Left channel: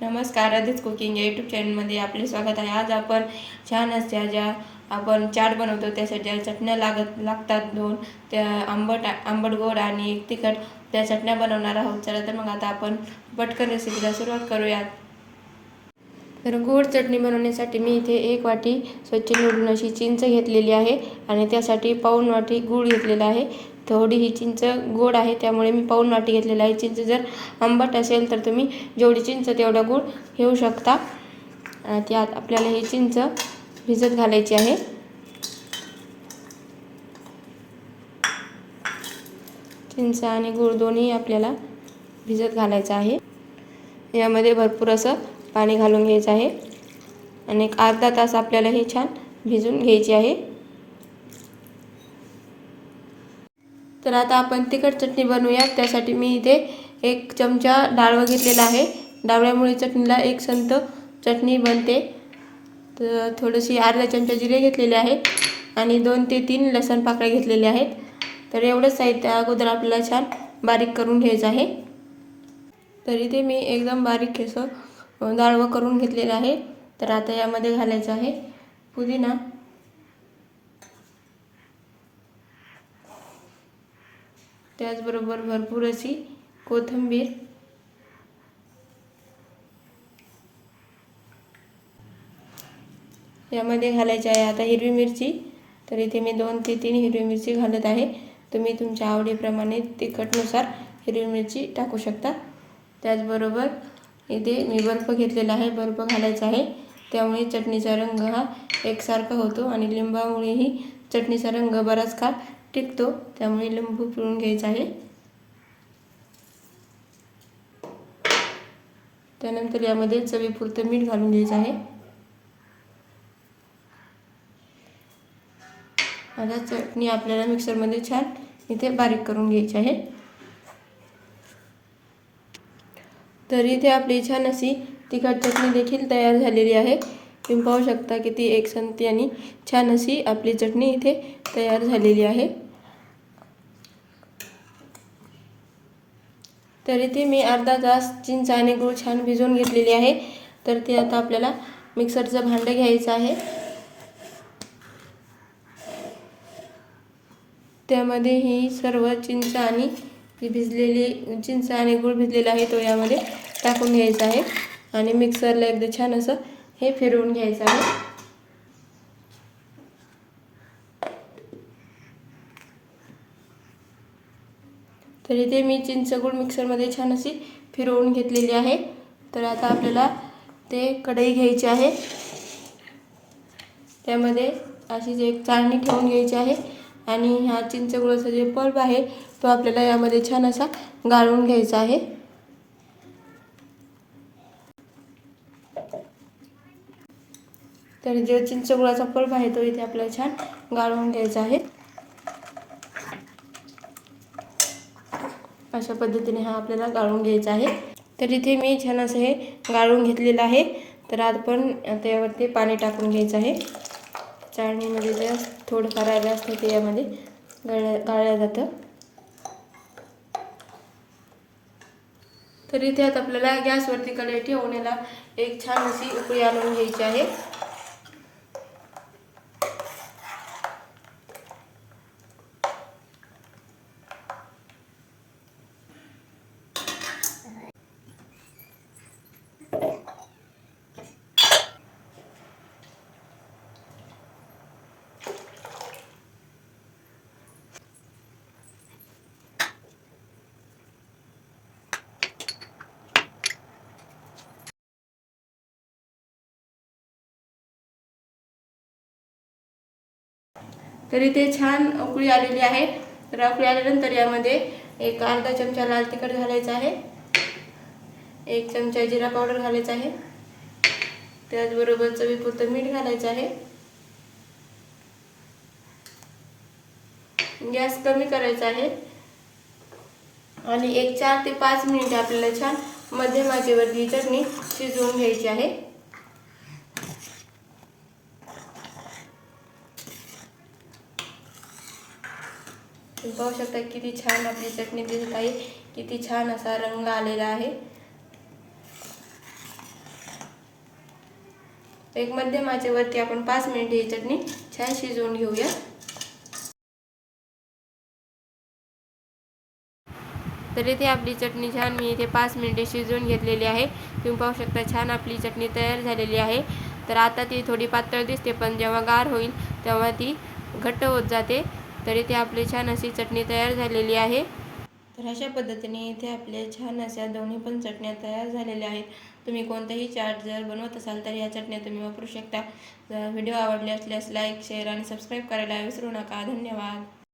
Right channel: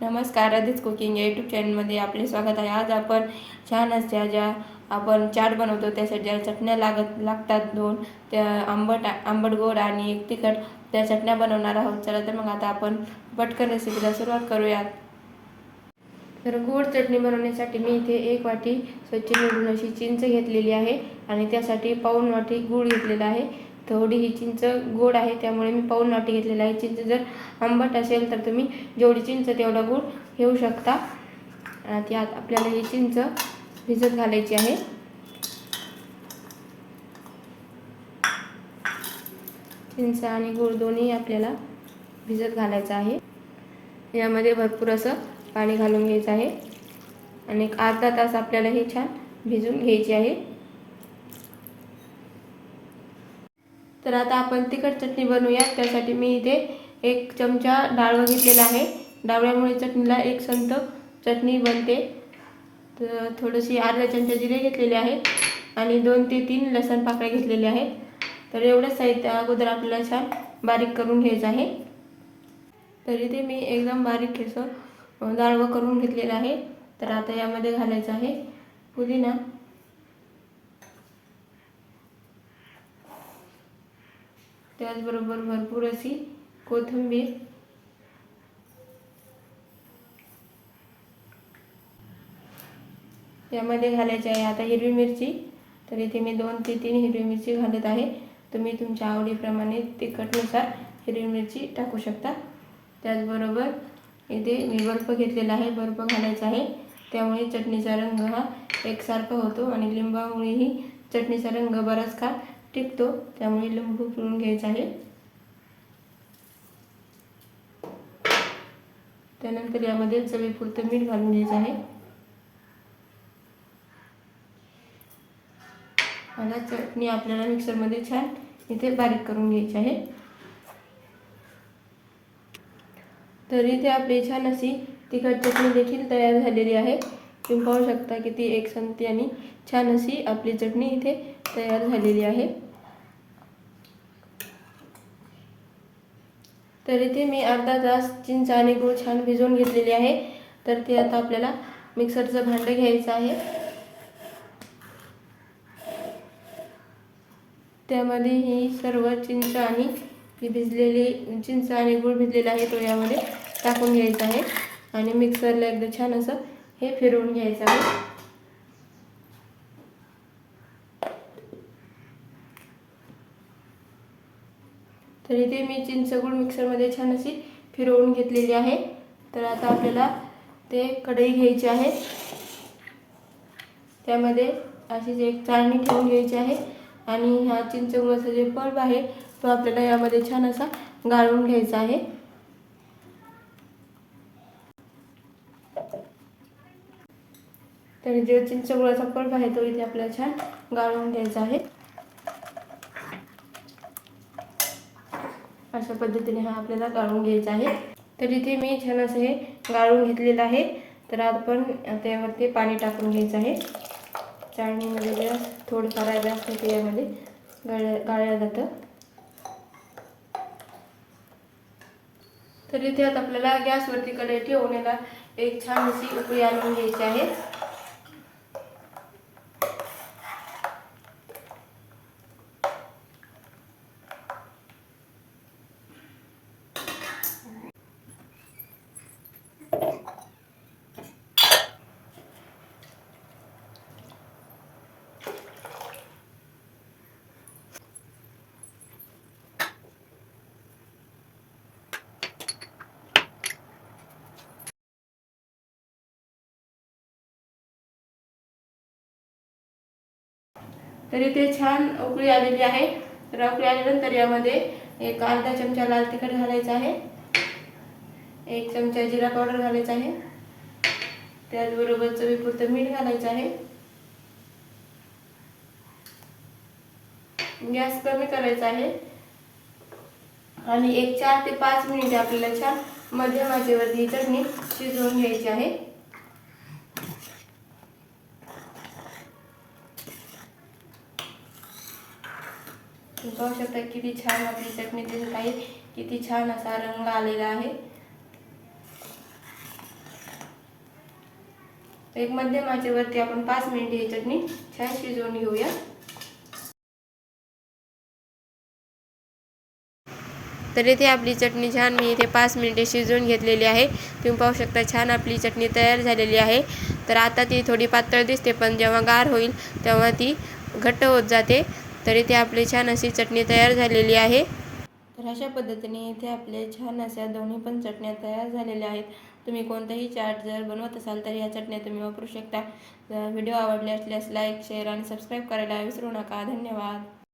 नमस्कार, आदित्य कुकिंग या यूट्यूब चॅनलमध्ये आपले स्वागत आहे। आज आपण छान अशा ज्या आपण चाट बनवतो त्यासाठी ज्या चटण्या लागतात दोन, त्या आंबट गोड आणि एक तिखट, त्या चटण्या बनवणार आहोत। चला तर मग आता आपण पटकन रेसिपीला सुरुवात करूयात। तर गोड चटणी बनवण्यासाठी मी इथे 1 वाटी स्वच्छ निवडून अशी चिंच घेतलेली आहे आणि त्यासाठी पाऊण वाटी गूळ घेतलेला आहे। थोडी ही चिंच गोड आहे त्यामुळे मी पाऊण वाटी घेतलेला आहे। चिंच जर आंबट असेल तर तुम्ही जेवढी चिंच तेवढा गूळ घेऊ शकता। त्यात आपल्याला ही चिंच भिजत घालायची आहे। चिंच आणि गूळ दोन्ही आपल्याला भिजत घालायचं आहे। यामध्ये भरपूर असं पाणी घालून घ्यायचं आहे आणि एक अर्धा तास आपल्याला हे छान भिजून घ्यायचे आहे। तर आता आपण तिखट चटणी बनवूया। त्यासाठी मी इथे 1 चमचा डाळव घेतलेला आहे। डाळव्यामुळे चटणीला एक संत चटणी बनते। तर थोडीशी अर्धा चमचा जिरे घेतलेले आहेत आणि 2 ते 3 लसूण पाकळ्या घेतलेल्या आहेत। तर एवढंच साहित्य अगोदर आपल्याला छान बारीक करून घ्यायचं आहे। तर इथे मी एकदम बारीक असं डाळवं करून घेतलेलं आहे। तर आता यामध्ये घालायचं आहे पुदिना, त्याचबरोबर भरपूर अशी कोथिंबीर, यामध्ये घालायची आहे आता हिरवी मिरची। तर इथे मी 2 ते 3 हिरवी मिरची घालत आहे। तुम्ही तुमच्या आवडीप्रमाणे तिखटनुसार हिरवी मिरची टाकू शकता। त्याचबरोबर इथे मी बर्फ घेतलेला आहे, बर्फ घालायचा आहे। त्यामुळे चटणीचा रंग हा एकसारखा होतो आणि लिंबामुळेही चटणीचा रंग बराच काळ टिकतो, त्यामुळे लिंबू पिळून घ्यायचा आहे। त्यानंतर यामध्ये चवीपुरतं मीठ घालून घ्यायचं आहे। आता चटणी आपल्याला मिक्सरमध्ये छान इथे बारीक करून घ्यायची आहे। तर इथे आपली छान अशी तिखट चटणी देखील तयार झालेली आहे। तुम्ही पाहू शकता किती एकसंती आणि छान अशी आपली चटणी इथे तयार झालेली आहे। तर इथे मी अर्धा तास चिंच आणि गूळ छान भिजवून घेतलेली आहे। तर ते आता आपल्याला मिक्सरचं भांडं घ्यायचं आहे। त्यामध्ये ही सर्व चिंच आणि चिंच आणि गूळ भिजलेला आहे तो यामध्ये टाकून घ्यायचा आहे आणि मिक्सरला एकदा छान असं हे फिरवून घ्यायचं आहे। तर इथे मी चिंच गूळ मिक्सरमध्ये छान अशी फिरवून घेतलेली आहे। तर आता आपल्याला ते कढई घ्यायची आहे, त्यामध्ये अशीच एक चाळणी ठेवून घ्यायची आहे आणि हा चिंच गुळाचा जे पल्प आहे तो आपल्याला यामध्ये छान असा गाळून घ्यायचा आहे। तर जो चिंच गुळाचा पल्प आहे तो इथे आपल्याला छान गाळून घ्यायचा आहे। अशा पद्धतीने हा आपल्याला गाळून घ्यायचा आहे। तर इथे मी छान असं हे गाळून घेतलेलं आहे। तर आपण त्यावरती पाणी टाकून घ्यायचं आहे। चाळणीमध्ये जे थोडंफार राहिलं असतं ते यामध्ये गाळलं जातं। तर इथे आता आपल्याला गॅसवरती कढई ठेवून याला एक छान अशी उकळी आणून घ्यायची आहे। तर इथे छान उकळी आलेली आहे। तर उकळी आल्यानंतर यामध्ये एक अर्धा चमचा लाल तिखट घालायचा आहे, 1 चमचा जिरा पावडर घालायचा आहे, त्याचबरोबर चवीपुरतं मीठ घालायचं आहे। गॅस कमी करायचा आहे आणि एक 4 ते 5 मिनिटे आपल्याला छान मध्यम आचेवरती चटणी शिजवून घ्यायची आहे। तुम्ही पाहू शकता किती छान आपली चटणी दिसत आहे, किती छान असा रंग आलेला आहे। एक मध्यम आचेवरती आपण 5 मिनिटे ही चटणी छान शिजवून घेऊया। तर इथे आपली चटणी छान मी इथे 5 मिनिटे शिजवून घेतलेली आहे। तुम्ही पाहू शकता छान आपली चटणी तयार झालेली आहे। तर आता ती थोडी पातळ दिसते, पण जेव्हा गार होईल तेव्हा ती घट्ट होत जाते। तर इथे आपली छान अशी चटणी तयार झालेली आहे। तर अशा पद्धतीने इथे आपले छान अशा दोन्ही पण चटण्या तयार झालेल्या आहेत। तुम्ही कोणताही चाट जर बनवत असाल तर या चटण्या तुम्ही वापरू शकता। व्हिडिओ आवडले असल्यास लाईक, शेअर आणि सबस्क्राईब करायला विसरू नका। धन्यवाद।